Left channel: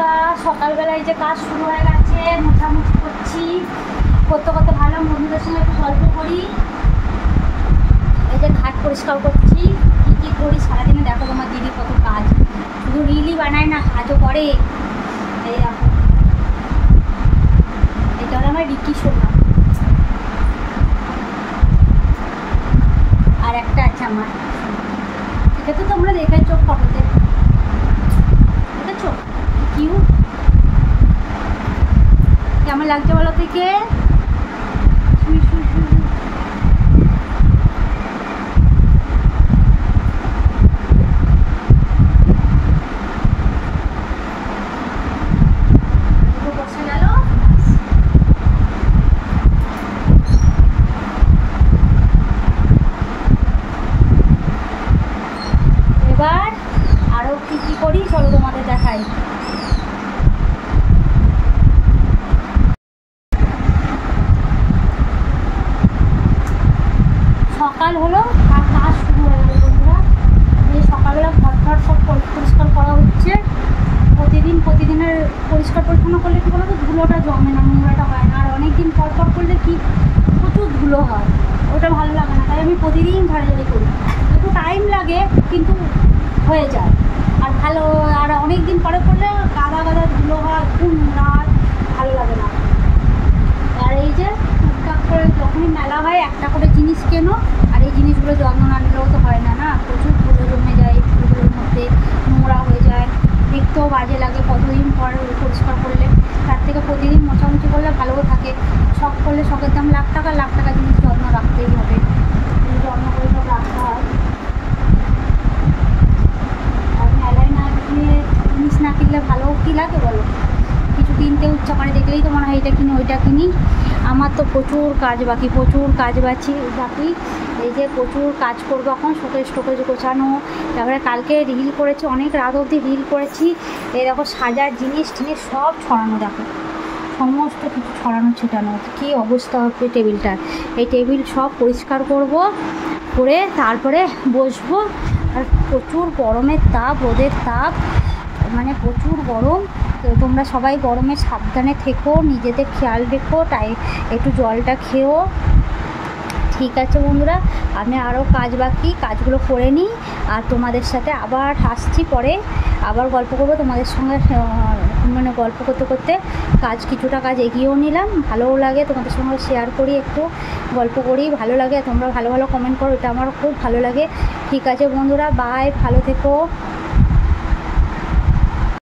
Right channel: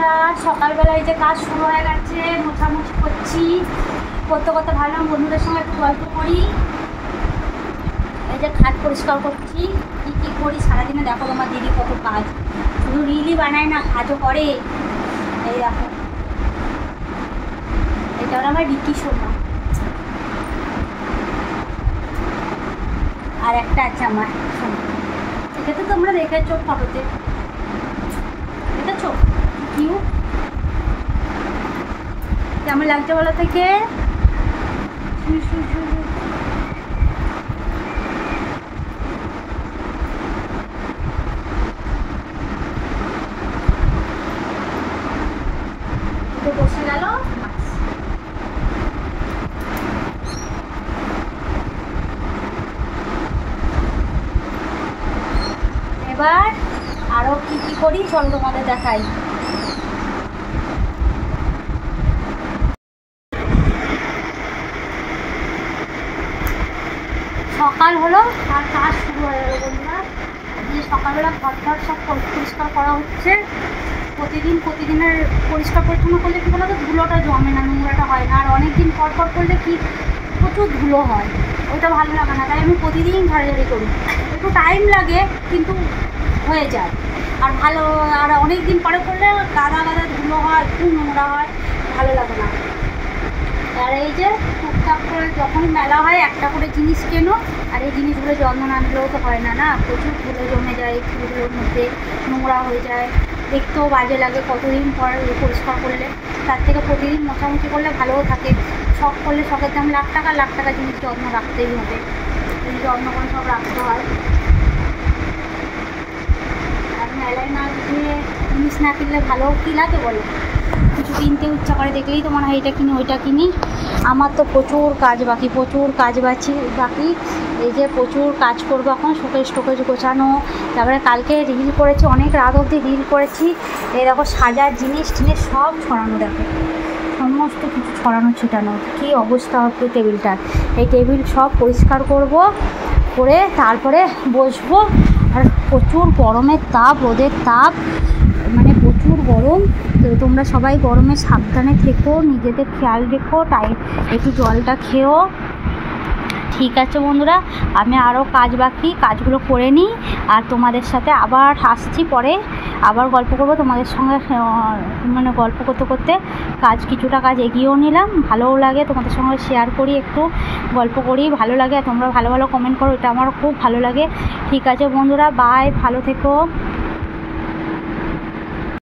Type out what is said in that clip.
বন্ধুরা, সকালবেলায় যে কাজ শুরু হয়ে গেছে, মোছামুছি করছি। করতে করতে ভাবলাম বন্ধুদের সঙ্গে একটু গল্প করি। এই যে খাট পরিষ্কার করছি। কী কী করি সারাদিনে দেখো তোমার দিদি কত কাজ, শুধু রিলই বানায় না, কাজও করে। এই দেখো, এটা হলো আমার রীতি সোনা। আর একটা আছে আমার সোনা, এটা তো তোমরা দেখেছো ফটোতে, দেখেছো কিউট কেমন লাগছে বলো থেকে। বসে গেল। এবার আরো কি কি করি চলো তোমাদের দেখাই। সকাল হলো আর কাজ শুরু হয়ে গেলো বন্ধুরা। যে সকালবেলা ঘর সব পরিষ্কার করা হচ্ছে। প্রতিদিনের পরিষ্কার পরিচ্ছন্ন করলে কী বলো তো, ধুলোটা জমে না, নোংরাটা হয় না। আর অনেক দিন পর করলে কি প্রচুর ধুলো হয়, ওইটা ভালো লাগে না। তাই আমি প্রতিদিন ঝাড়াঝাড়ি করি। একটু টাইম লাগে কিন্তু হয়ে যায়। আর ভালো, আর অনেক দিন পরে করলে গাদা ধুলো হয়, খুব নোংরা হয়, ভালো লাগে না। আর এই যে টুকটাক করে যখনই মেলা হয় একটা করে জিনিস কেনো, আর এই জিনিসগুলো যত্ন না নিলেও তো হয় না, প্রচুর ধুলো জমে যায়, ফুলগুলোর মধ্যে নোংরা হয়ে যায়, দেখতেও বাজে লাগে কতদিন পর পরিষ্কার করলে। তার থেকে প্রতিদিন মোছামুছি করলে ভালোও থাকে। শখ করলে শখের দাম লাখ টাকা জিনিস যত্ন রাখতেই হবে, যত্ন করে সব রাখতে হয়। আর মেলায় না কিনে জিনিস না কিনলে ভালো কী লাগে বলো, কিছু কিনতেও ইচ্ছা করে, দেখলেই তো মনে হয় এটা কিনি ওইটা কিনি। আমার তো প্রচুর কাজ বাকি, এই যে প্রচুর কাজ করবো এখন। শোকেজ গোছানো, তারপরে কালকে রিল করেছি, অনেক রাত অবধি রিল করেছি। এই দেখো সাজার জিনিস সব ছড়ানো, দেখো সমস্ত কিছু ছড়ানো ছিটানো, কী অবস্থা হবে টেবিলটার। এই টেবিল সব পরিষ্কার করে তারপরে বসবো। আর প্রচুর গরমের তাপ, রোদের তাপ, মানে প্রচুর গরম। তো তোমরা সবাই গরমে সাবধানে থেকো, নিজেদের খেয়াল রেখো, তাই একটু জলটা খেও। ঠিক আছে বন্ধুরা, আমি আরও কাজগুলো করে নিই, আর তোমাদের সাথে আবার আসছি পরে, আবার গল্প করবো তোমাদের সঙ্গে। মানে গল্প করতে করতে কিছুটা কাজ এগিয়েও নিলাম, ভালোও লাগে তোমাদের সঙ্গে শেয়ার করি, একটু গল্প করি, ভালো লাগে। তোমরা ভালো কমেন্ট করো, এটা আমার খুব ভালো লাগে। ঠিক আছে বন্ধুরা, বাই, ভালো থেকো।